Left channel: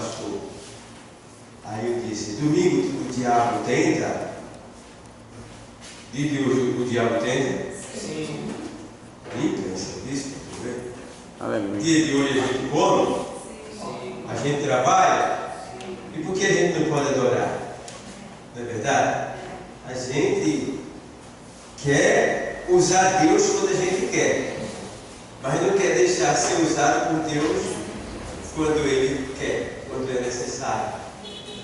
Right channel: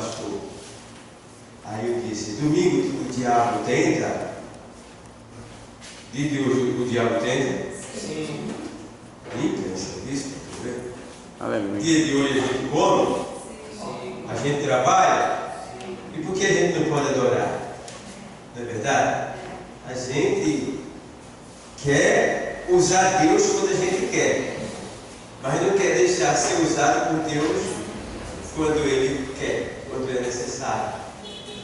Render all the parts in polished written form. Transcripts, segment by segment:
pastor. Aí eu disse, domingo o diabo tenta? De Deus o diabo tenta? Sim. Nem pensa nisso, tá vendo? Aleluia. Dia de hoje a gente come, Sim. a gente trabalha, e por que a gente não pode adorar? Não é verdade? A gente quer usar Deus quando a gente quer, mas não quer deixar ser usado por Deus quando Ele quer, quando é necessário.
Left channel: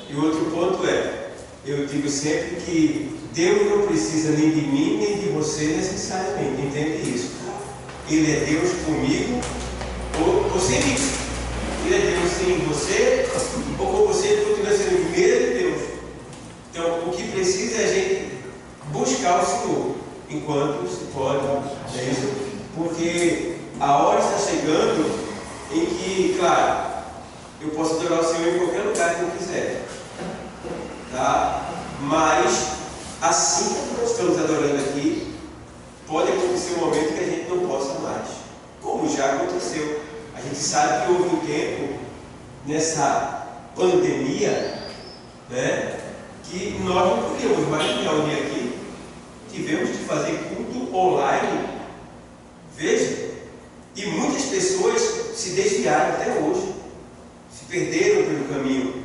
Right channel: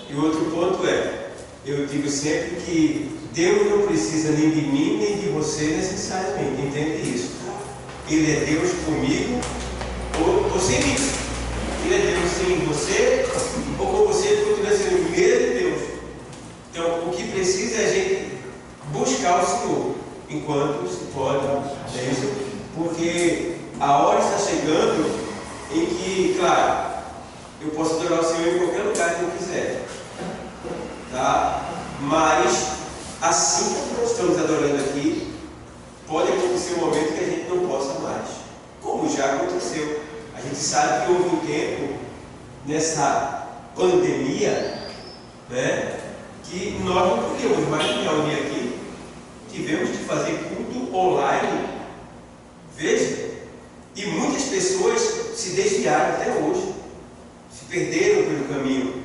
E o outro ponto é, eu digo sempre que Deus não precisa nem de mim nem de você necessariamente, entende isso? Ele é Deus comigo ou sem mim. Ele é Deus sem você, ou com você ele continua sendo o mesmo Deus. Então o que precisa é a gente buscar o Senhor enquanto se pode, é isso? Porque a hora está chegando em que, claro, eu posso adorar o Senhor em qualquer lugar que eu quiser, tá? Mas assim que nós estamos adorando aqui, pode acontecer um momento que a gente não possa mais, como já aconteceu. A gente sabe que houve um tempo nessa pandemia, né, que nós não podíamos mais nos reunir aqui, tivemos de fazer culto online. Veja, e muitas pessoas se desviaram até hoje, se perderam pelo caminho,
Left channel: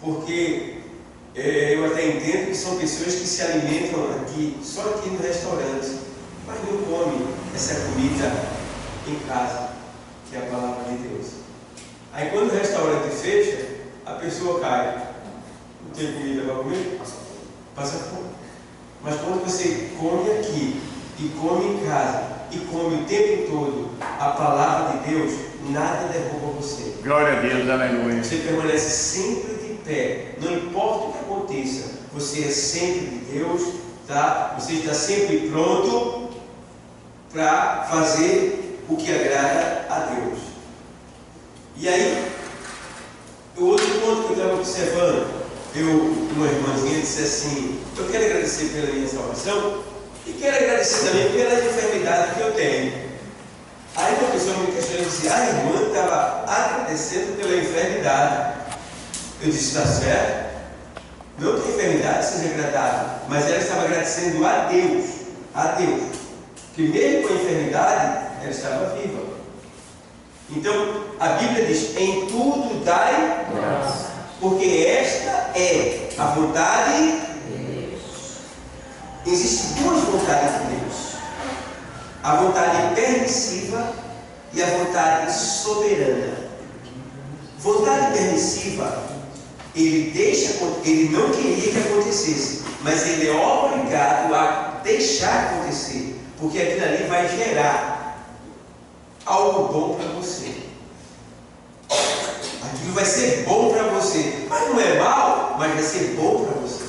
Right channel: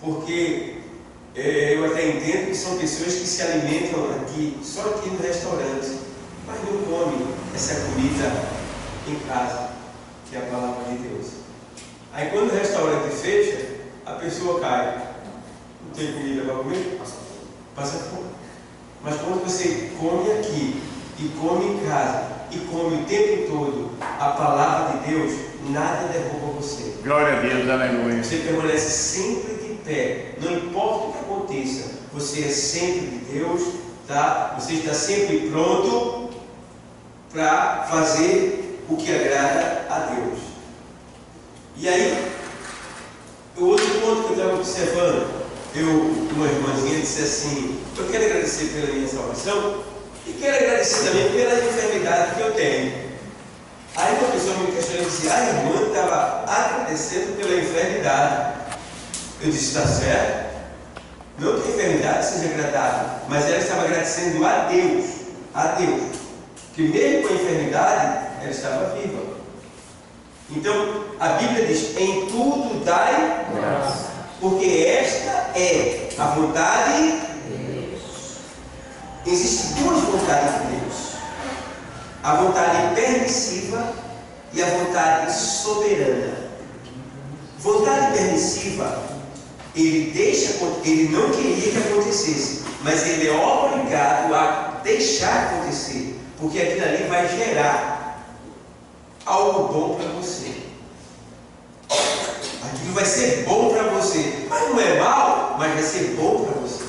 porque eu até entendo que são pessoas que se alimentam aqui, só aqui no restaurante, mas não comem essa comida em casa, que é a palavra de Deus. Aí quando o restaurante fecha, a pessoa cai. Não tem comida para comer? Passa fome. Mas quando você come aqui, e come em casa, e come o tempo todo a palavra de Deus, nada derruba você. Glória a Deus, aleluia. Você permanece sempre de pé, não importa o que aconteça, você é sempre de Deus, tá? Você está sempre pronto para fazer o que agrada a Deus. E aí, o outro ponto que eu estava observando, uma irmãzinha disse assim, eu quero agradecer pela minha salvação e quero agradecer também pela enfermidade que eu tenho. Aí uma pessoa me questionou e disse, a irmã estava agradecendo pela enfermidade. Eu disse, está certo? Não que a enfermidade seja agradável, mas ela estava agradecendo a Deus, que mesmo com a enfermidade, ela estava viva. Então, a Bíblia diz, em tudo dai graça, porque esta é a vontade de Deus. Existem duas vontades de Deus, a vontade permissiva e a vontade soberana. Vontade permissiva, ele não queria que acontecesse, mas ele é obrigado a deixar acontecer, porque aquilo ali vai gerar algo bom para você. Aquilo vai ser bom para você, mas não é mal, mas vai ser bom para você,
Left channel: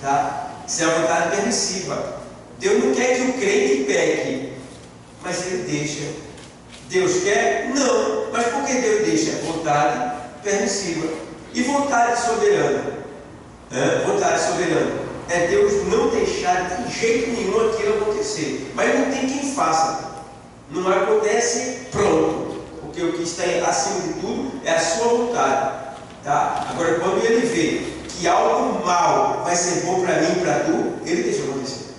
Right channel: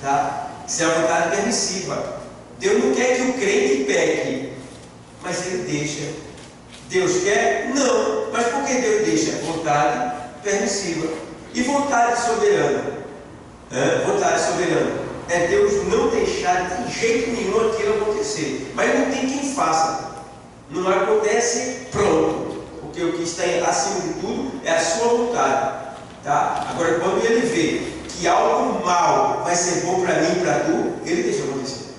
tá? Isso é a vontade permissiva. Deus não quer que o crente peque, mas ele deixa. Deus quer? Não, mas por que Deus deixa? Vontade permissiva. E vontade soberana? Vontade soberana é Deus não deixar de jeito nenhum aquilo acontecer, mas não tem quem faça. Não acontece, pronto, porque o que está acima de tudo é a sua vontade, tá? Agora, quando ele vê que algo mal vai ser bom para mim e para tu, ele deixa acontecer.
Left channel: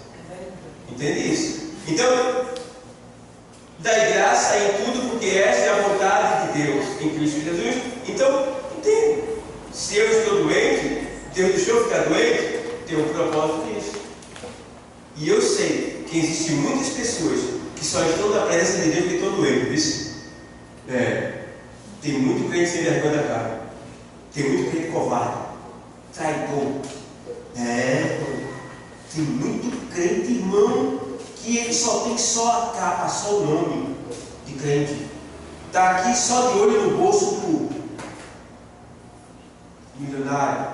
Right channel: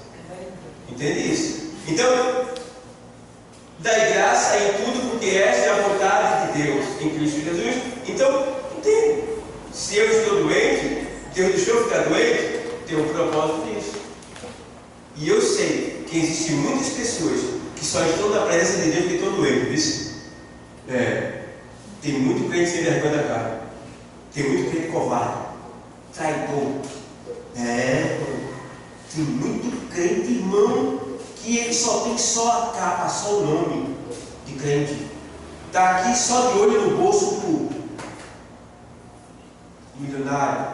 Entende isso? Então, dai graça em tudo, porque esta é a vontade de Deus em Cristo Jesus. Então, entende? Se eu estou doente, Deus deixou eu ficar doente, tem um propósito nisso. E eu sei que existem muitas pessoas que só estão na presença de Deus porque estão doentes. Tem muito crente sem vergonha da cara, tem muito crente covarde, traidor. Tem muito crente, irmão, que ele só tem só a capa, só o nome de crente. Está aqui só de olho no bolso do milionário,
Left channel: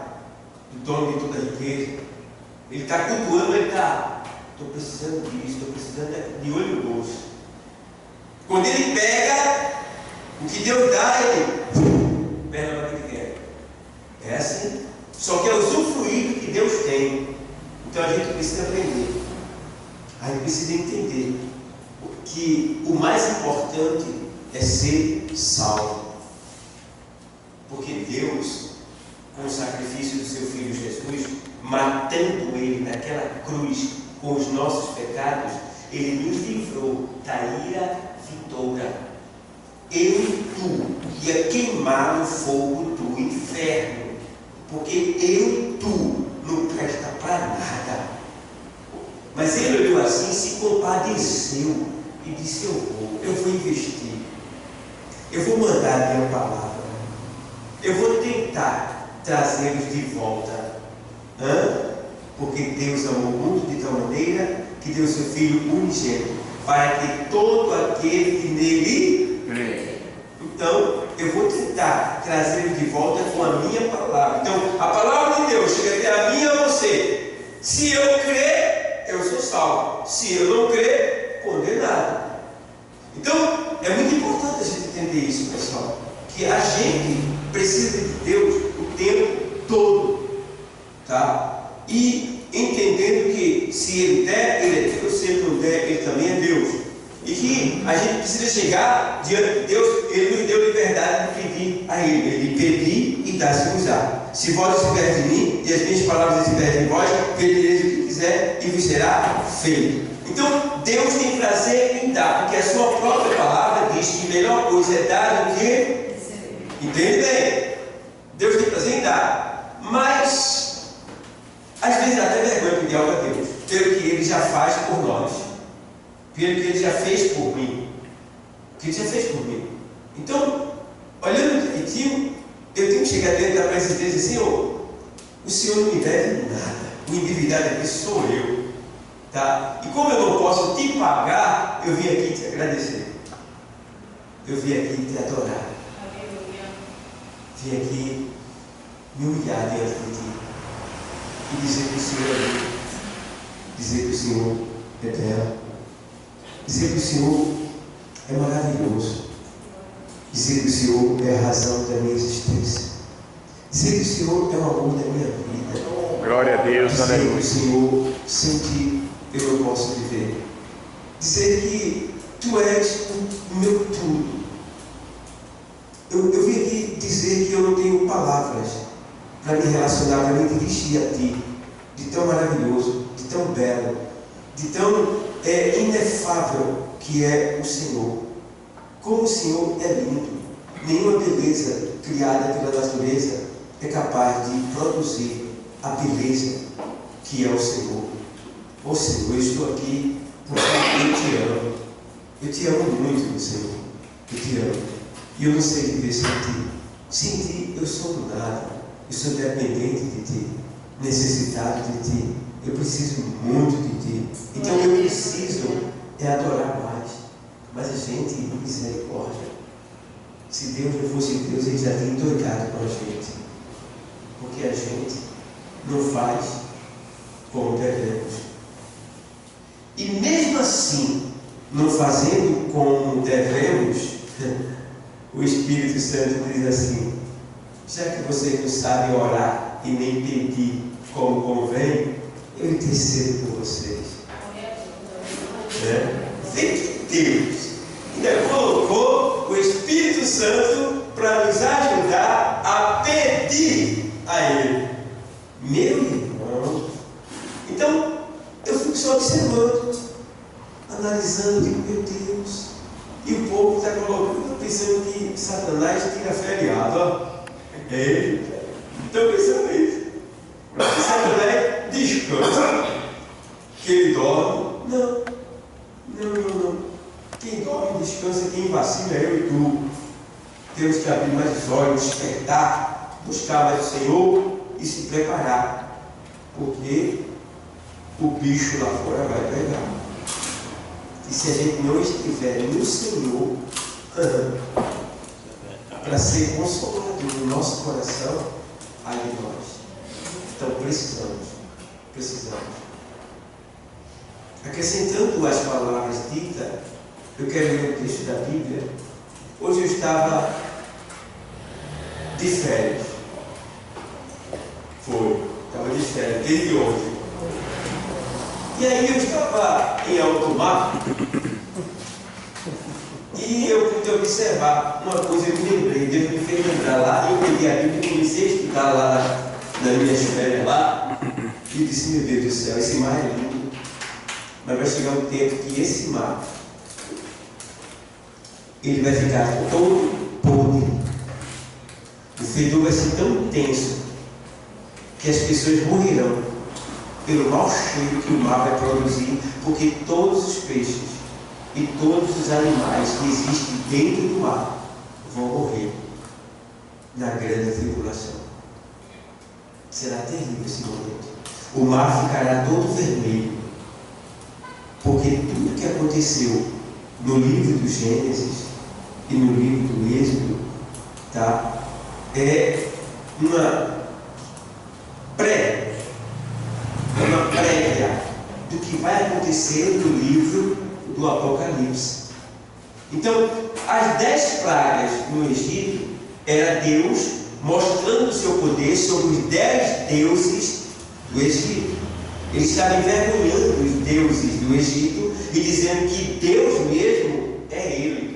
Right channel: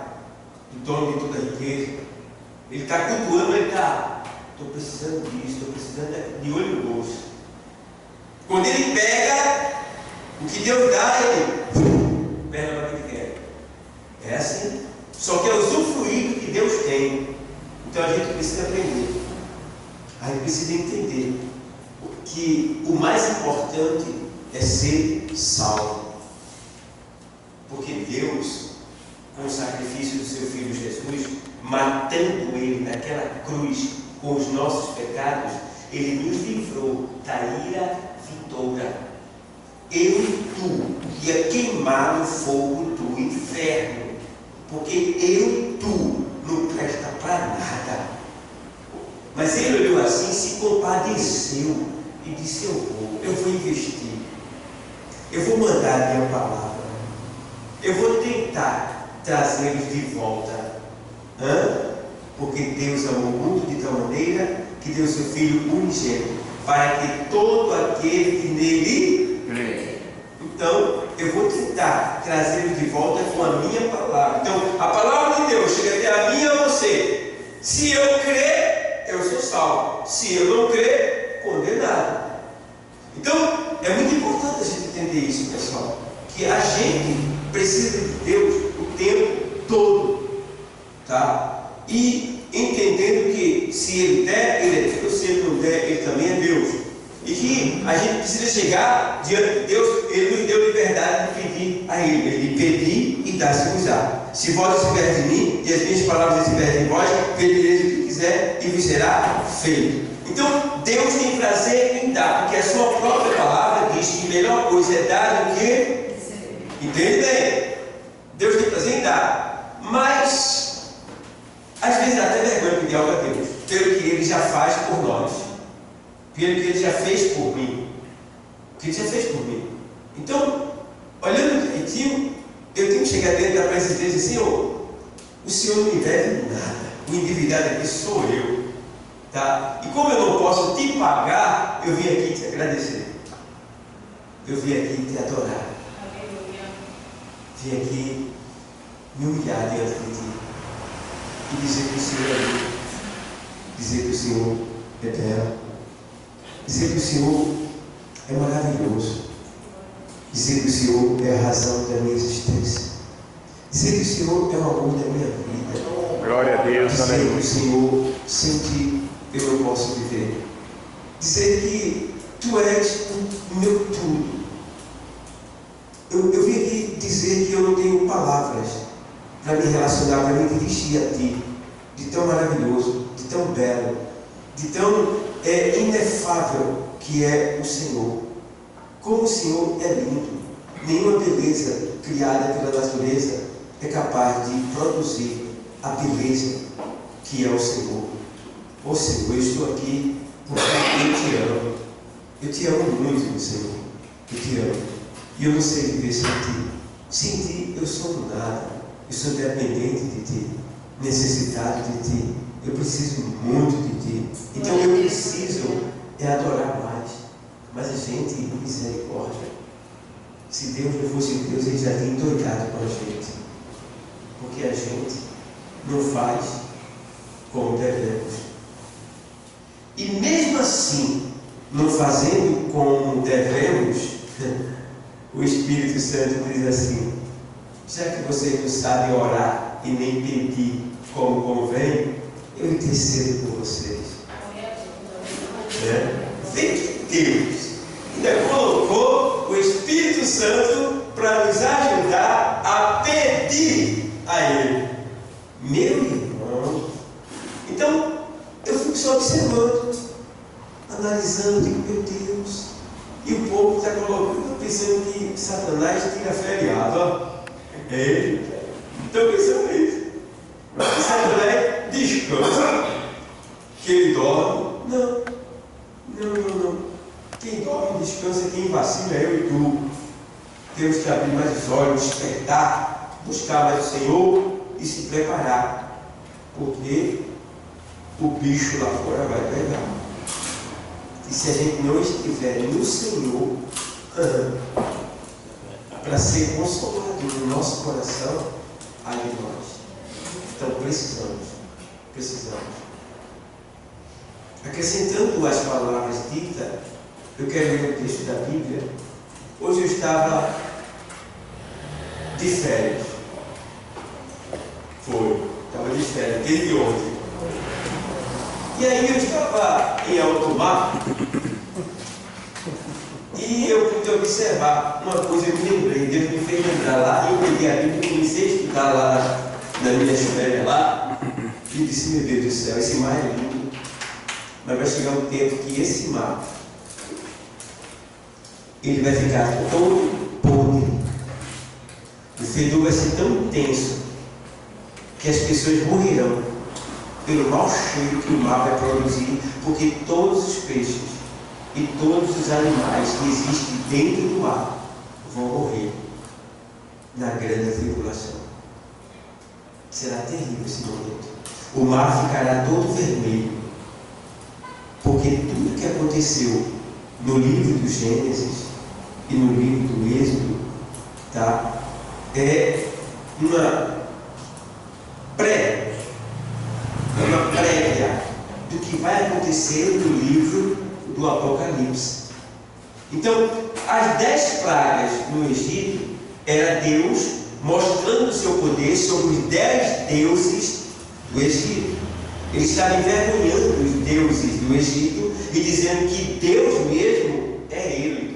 do dono de toda a riqueza. Ele está cultuando, ele está, estou precisando disso, estou precisando de olho no bolso. Quando ele pega o que Deus dá, ele pega para o que quer. É assim. Só que é usufruir do que Deus tem. Então a gente precisa aprender. A gente precisa entender que o mais importante é ser salvo. Porque Deus, com o sacrifício do seu Filho Jesus, matando Ele naquela cruz com os nossos pecados, Ele nos livrou da ira vindoura. Eu e tu ia queimar no fogo do inferno, porque eu e tu não presta para nada. Mas Ele olhou assim, se compadeceu e disse: eu vou investir, eu vou mandar a minha palavra, eu vou tentar trazê-los de volta. Porque Deus amou o mundo de tal maneira que deu seu Filho unigênito, para que todo aquele que nele crê. Então, eu vou tentar trazê-los de volta com a minha palavra. Então, a palavra de Deus chega até a mim e a você. Se eu crer, eu sou salvo. Se eu não crer, condenado. Então, é muito importante a gente entender isso, pessoal. Que a gente precisa de Deus o tempo todo. Tá? E entendendo que se Ele der, Ele é Deus. Se Ele não der, Ele também é Deus. E que a gente precisa chegar diante de Deus. Ele nos deu liberdade de pedir a Ele. Ele pedir e dar-se-vos-á. Se vós estiverdes em mim e as minhas palavras estiverem em vós, pedireis o que quiser e vos será feito. Então, Deus tem prazer em dar, porque a sua própria palavra diz que a melhor coisa é dar do que... Entende bem? Deus tem prazer em dar, mas às vezes dá até vergonha pedir algo a Deus, pelo que Ele já faz por nós, pelo que Ele já fez por mim, o que Ele já fez por mim. Então, olhando direitinho, eu tenho que chegar dentro da presença dele e dizer: Senhor, o Senhor não me deve nada, o endividado aqui sou eu. Tá? E como eu não posso te pagar, eu vim aqui te agradecer. Eu vim aqui te adorar. Vim aqui me humilhar diante de ti. E dizer que o Senhor é bom. Dizer que o Senhor é belo. Dizer que o Senhor é maravilhoso. Dizer que o Senhor é a razão da minha existência. Dizer que o Senhor é o amor da minha vida. Glória a Deus, dizer aleluia. que o Senhor, sem ti, eu não posso viver. Dizer que tu és o meu tudo. Eu vim aqui dizer que eu não tenho palavras para me relacionar, para me dirigir a ti, de tão maravilhoso, de tão belo, de tão inefável que é o Senhor. Como o Senhor é lindo. Nenhuma beleza criada pela natureza é capaz de produzir a beleza que é o Senhor. Ô Senhor, eu estou aqui porque eu te amo. Eu te amo muito, Senhor. Eu te amo. E eu não sei viver sem ti. Sem ti eu sou nada. Eu sou dependente de ti, necessitado de ti. Eu preciso muito de ti. Então eu preciso adorar mais. Mas a gente, misericórdia. Se Deus não fosse Deus, Ele já tinha endoidado com a gente. Porque a gente não faz como devemos. E mesmo assim, não fazendo como devemos, o Espírito Santo diz assim: já que vocês não sabem orar e nem pedir como convém, eu intercedo por vocês. Vê que Deus ainda colocou o Espírito Santo para nos ajudar a pedir a Ele. Meu irmão, então eu fico só observando, analisando, digo: meu Deus. E o povo está colocando, pensando que Satanás tira feriado. Ó. Eita, estou pensando isso. Que Satanás descansa, que ele dorme. Não. Quem dorme e descansa, quem vacila é eu e tu. Temos que abrir mais os olhos, despertar, buscar mais o Senhor e se preparar. Porque o bicho lá fora vai pegar. E se a gente não estiver no Senhor, para ser consolado no nosso coração, ai de nós. Então precisamos. Acrescentando as palavras ditas, eu quero ler o texto da Bíblia. Hoje eu estava de férias. Estava de férias, desde ontem. E aí eu estava em alto mar e eu pude observar uma coisa eu me lembrei, Deus me fez lembrar lá, e eu peguei a Bíblia e comecei a estudar lá na minha férias lá, e disse, meu Deus do céu, esse mar é lindo, mas vai chegar um tempo que esse mar, ele vai ficar todo podre, o fedor vai ser tão intenso, que as pessoas morrerão pelo mau cheiro que o mar vai produzir, porque todos os peixes e todos os animais que existem dentro do mar vão morrer na grande tribulação. Será terrível esse momento. O mar ficará todo vermelho, porque tudo que aconteceu no livro do Gênesis e no livro do Êxodo, tá? É uma prévia do que vai acontecer no livro do Apocalipse. Então, as 10 pragas no Egito era Deus mostrando o seu poder sobre os 10 deuses do Egito. Ele estava envergonhando os deuses do Egito e dizendo que Deus mesmo é Ele.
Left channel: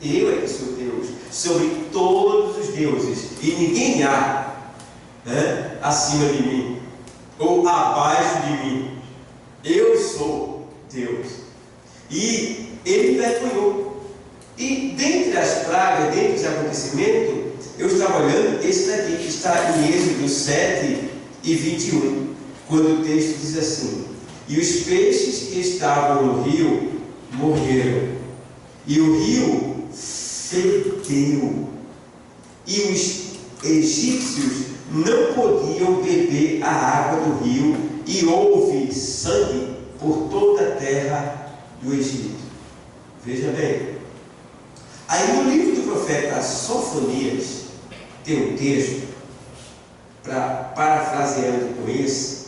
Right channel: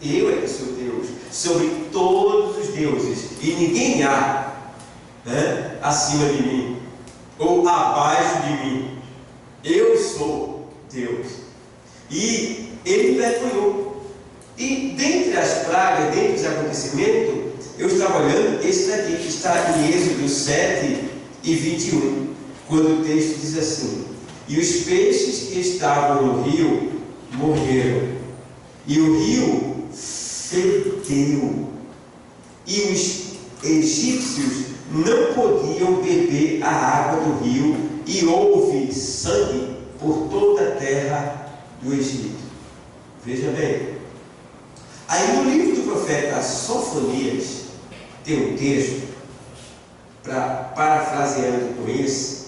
Eu é que sou Deus sobre todos os deuses e ninguém há acima de mim ou abaixo de mim. Eu sou Deus. E ele envergonhou. E dentre as pragas, dentre os acontecimentos, eu estava olhando esse daqui que está em Êxodo 7 e 21, quando o texto diz assim: e os peixes que estavam no rio morreram, e o rio fedeu, e os egípcios não podiam beber a água do rio, e houve sangue por toda a terra do Egito. Veja bem, aí no livro do profeta Sofonias tem um texto, parafraseando com esse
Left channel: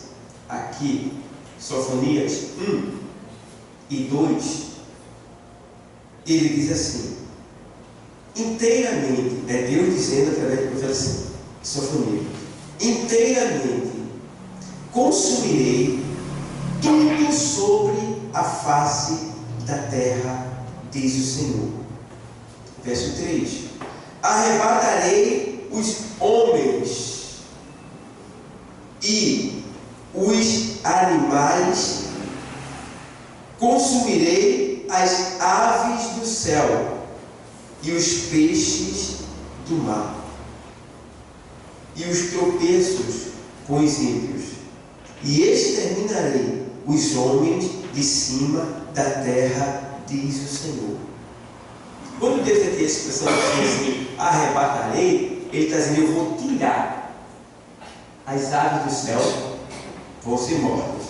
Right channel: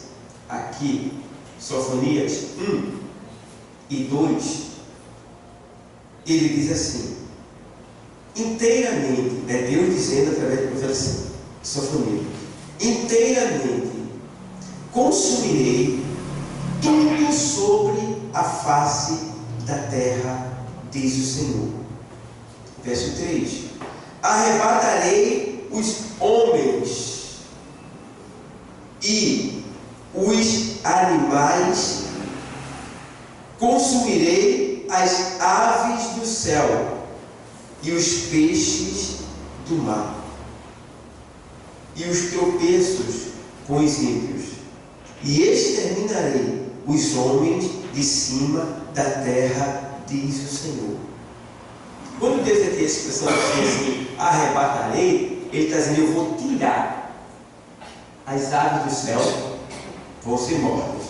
aqui, Sofonias 1 e 2, ele diz assim, inteiramente, é Deus dizendo através do profeta Sofonias, inteiramente consumirei tudo sobre a face da terra, diz o Senhor. Verso 3: arrebatarei os homens e os animais, consumirei as aves do céu e os peixes do mar, e os tropeços com os ímpios, e exterminarei os homens de cima da terra, diz o Senhor. Quando Deus tem a expressão assim, arrebatarei, Ele está dizendo, eu vou tirar as aves do céu, vão ser mortas,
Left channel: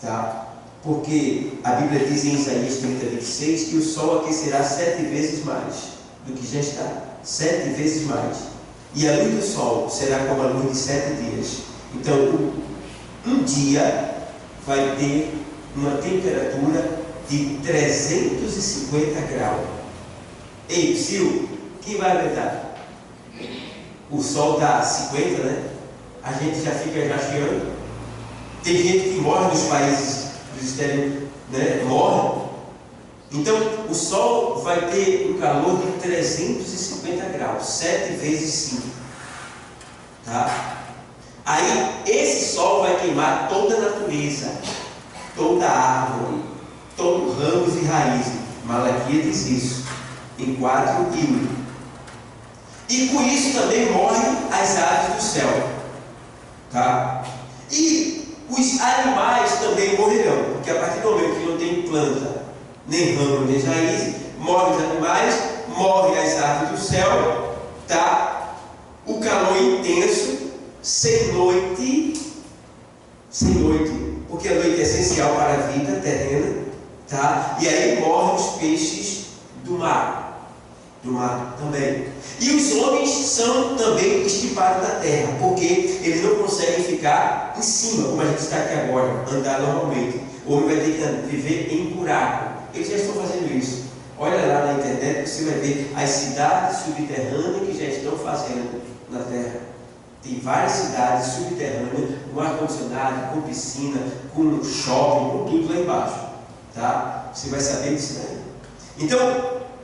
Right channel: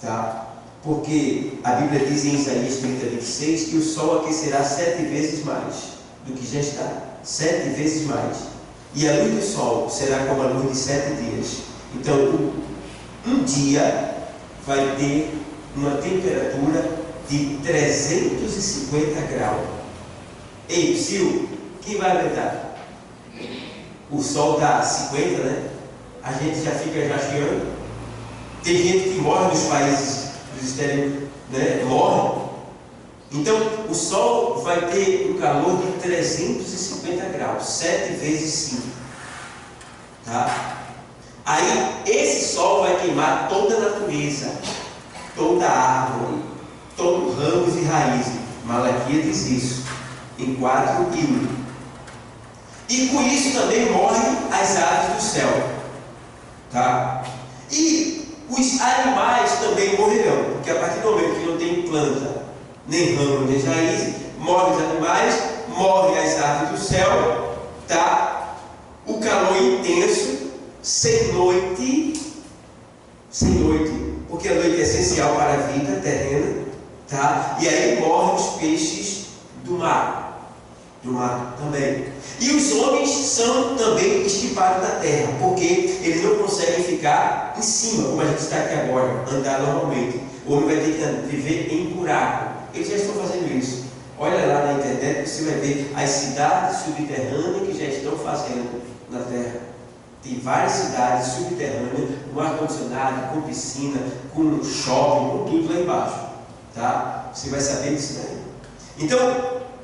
tá? Porque a Bíblia diz em Isaías 30, 26 que o sol aquecerá 7 vezes mais do que já está, 7 vezes mais, e a luz do sol será como a luz de 7 dias. Então um dia vai ter uma temperatura de 350 graus. Ei, Sil, quem vai aguentar? O sol dá 50, né? A gente já fica rasgando. Tem gente que morre nos países dos exteriores, né? Morre. Então, o sol vai ter um calor de 350 graus, 7 vezes 5. Tá? Aí, esse sol vai queimar toda a natureza, toda a árvore, todo ramos e raízes. Malaquias diz isso em 4 e 1. E com isso também morrem as aves do céu, tá? E os animais também morrerão, porque a partir do momento que não tem planta, nem ramo, nem raiz, morrem os animais, morrem as aves do céu, tá? O calor intenso, sem noite, porque a noite é essencial para a vida terrena, tá? E aí morrem os peixes do mar também. E os homens são também estipados da terra, porque eles não conseguem ficar em cima, como a gente está aqui agora, andar normalmente. O homem vai ter que viver em buraco. Eles já estão fazendo isso. Olha lá na internet, você vai ver as cidades subterrâneas que já estão fazendo na terra. Tem várias cidades subterrâneas, com ar-condicionado, com piscina, com shopping, com tudo lá embaixo. Tá? Você vai saber disso daí. Então,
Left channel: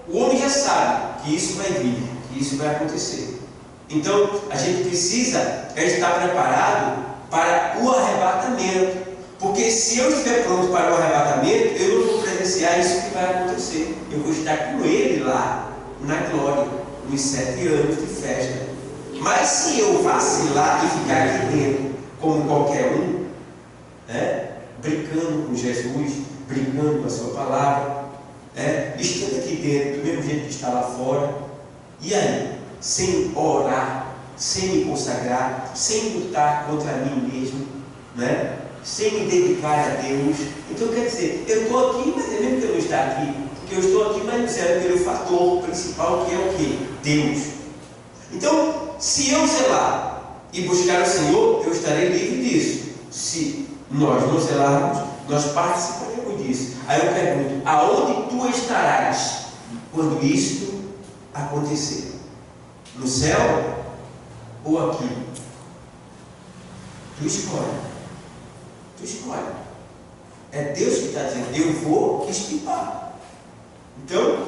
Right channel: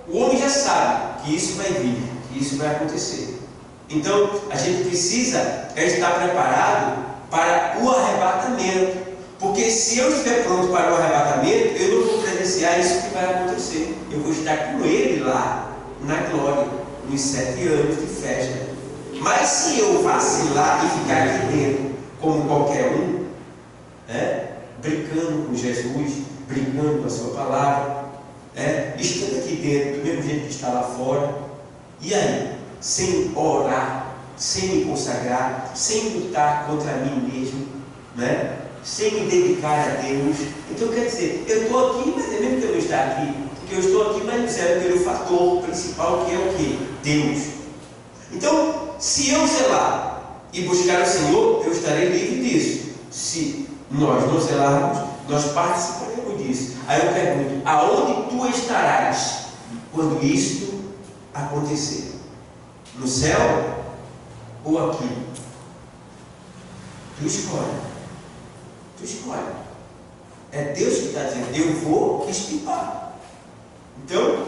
o homem já sabe que isso vai vir, que isso vai acontecer. Então, a gente precisa estar preparado para o arrebatamento. Porque se eu estiver pronto para o arrebatamento, eu não vou presenciar isso que vai acontecer. Eu vou estar com Ele lá, na glória, nos 7 anos de festa. Mas se eu vacilar e ficar aqui dentro, como qualquer um, brincando com Jesus, brincando com a sua palavra, estando aqui dentro, do mesmo jeito que está lá fora, e aí, sem orar, sem me consagrar, sem lutar contra mim mesmo, sem me dedicar a Deus. Então quer dizer, eu estou aqui, mas é mesmo que eu não estou aqui, porque eu estou aqui, mas não serve pelo fator principal, que é o quê? Deus. Então, se eu zelar e buscar o Senhor, eu estarei livre disso. Se nós não zelarmos, nós participaremos disso. Aí eu pergunto, aonde tu estarás quando isto acontecer? No céu ou aqui? Tu escolhe. Tu escolhe. É Deus que está dizendo, eu vou estipar. Então,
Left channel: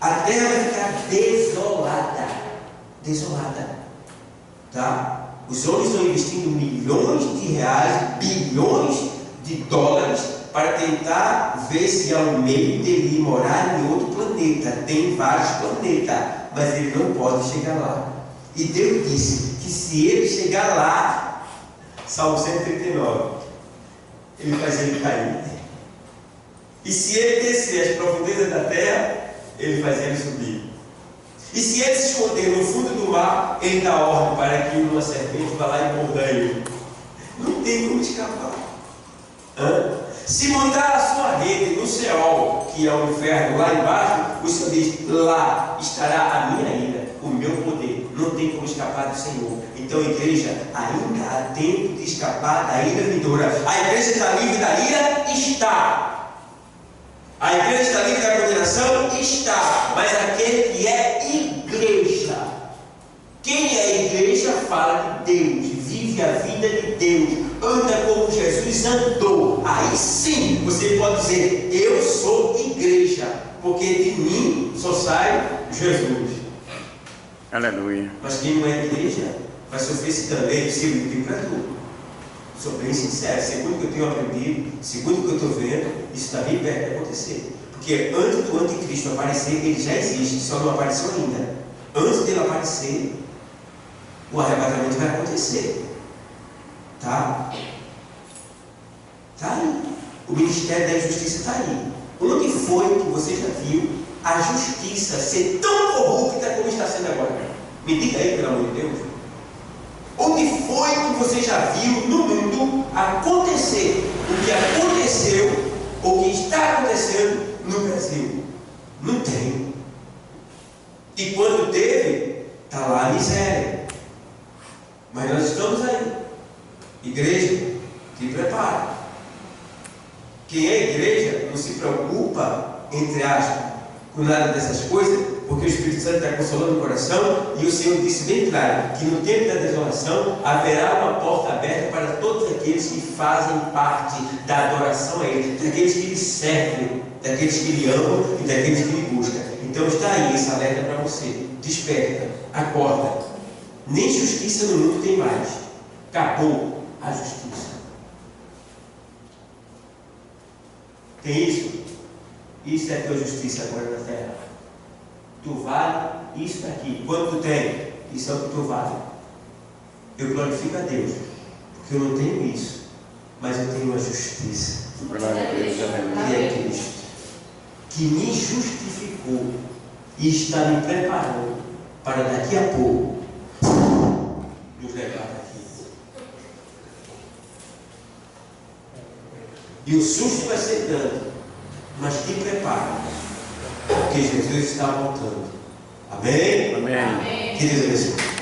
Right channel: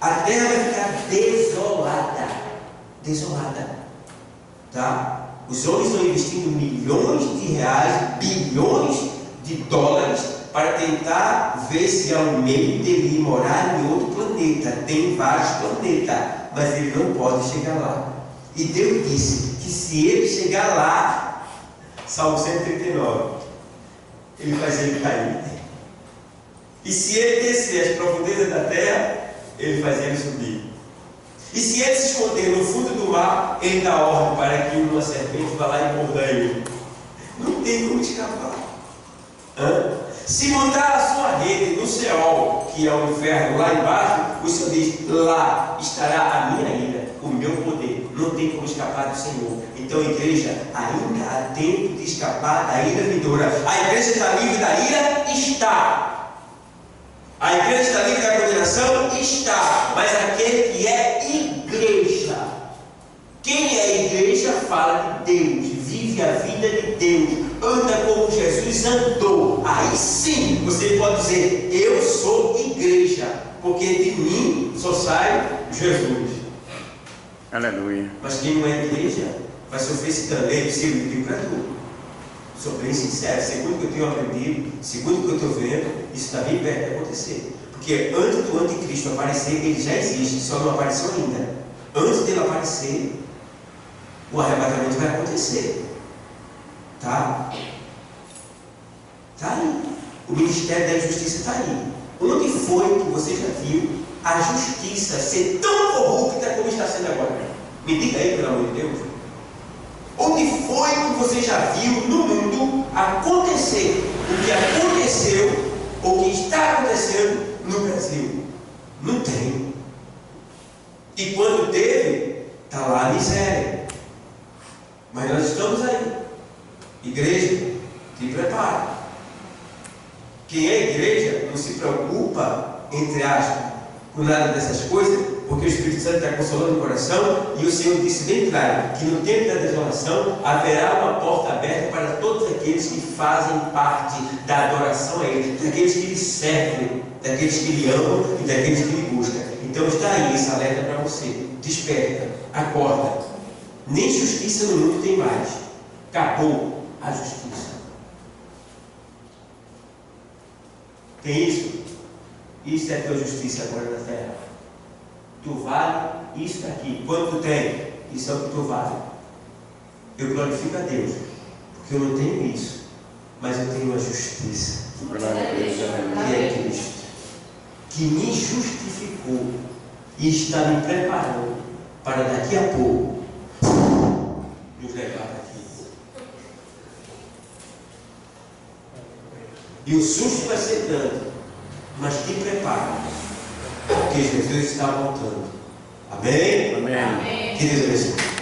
a terra vai ficar desolada. Desolada. Tá? Os homens estão investindo milhões de reais, bilhões de dólares, para tentar ver se há um meio dele ir morar em outro planeta. Tem vários planetas, mas ele não pode chegar lá. E Deus disse que se ele chegar lá, Salmo 139, ele faz ele cair. E se ele descer as profundezas da terra, ele faz ele subir. E se ele se esconder no fundo do mar, ele dá ordem para que uma serpente vá lá e morda ele. Não tem como escapar. Se montar a sua rede no Seol, que é o inferno lá embaixo, o Senhor diz, lá estará a minha ira, o meu poder. Não tem como escapar do Senhor. Então, igreja, ainda há tempo de escapar da ira vindoura. A igreja está livre da ira? Está. A igreja está livre da condenação? Está. Mas aquele que é igreja, quem é igreja fala de Deus, vive a vida de Deus, anda como Jesus andou. Aí sim você pode dizer, eu sou igreja, porque de mim só sai Jesus. Aleluia. Mas quem não é igreja vai sofrer esse também, se eu para tudo. Sou bem sincero, segundo o que eu tenho aprendido, segundo o que eu estou vendo, isso está bem perto de acontecer. Porque antes do anticristo aparecer, ele já existe, só não apareceu ainda. Antes dele aparecer, o arrebatamento vai acontecer. Tá? Está aí. O Ministério da Justiça está aí. Onde foi que você já viu a justiça ser tão corrupta como está sendo agora? Me diga aí, pelo amor de Deus. Onde foi que você já viu no mundo acontecer o que aconteceu ou que está acontecendo no Brasil? Não tem. E quando teve, está lá a miséria. Mas nós estamos aí. Igreja, te prepara. Quem é igreja não se preocupa, entre aspas, com nada dessas coisas, porque o Espírito Santo está consolando o coração, e o Senhor disse bem claro que no tempo da desolação haverá uma porta aberta para todos aqueles que fazem parte da adoração a Ele, daqueles que Ele servem, daqueles que Ele amam e daqueles que Ele buscam. Então está aí esse alerta para você. Desperta, acorda. Nem justiça no mundo tem mais. Acabou a justiça. Tem isso? Isso é a tua justiça agora na terra. Tu vale isso daqui. Quanto tu tem? Isso é o que tu vale. Eu glorifico a Deus, porque eu não tenho isso, mas eu tenho a justiça, que é Cristo, que me justificou e está me preparando para daqui a pouco nos levar daqui. E o susto vai ser tanto, mas te prepara, porque Jesus está voltando. Amém? Amém. Que Deus abençoe.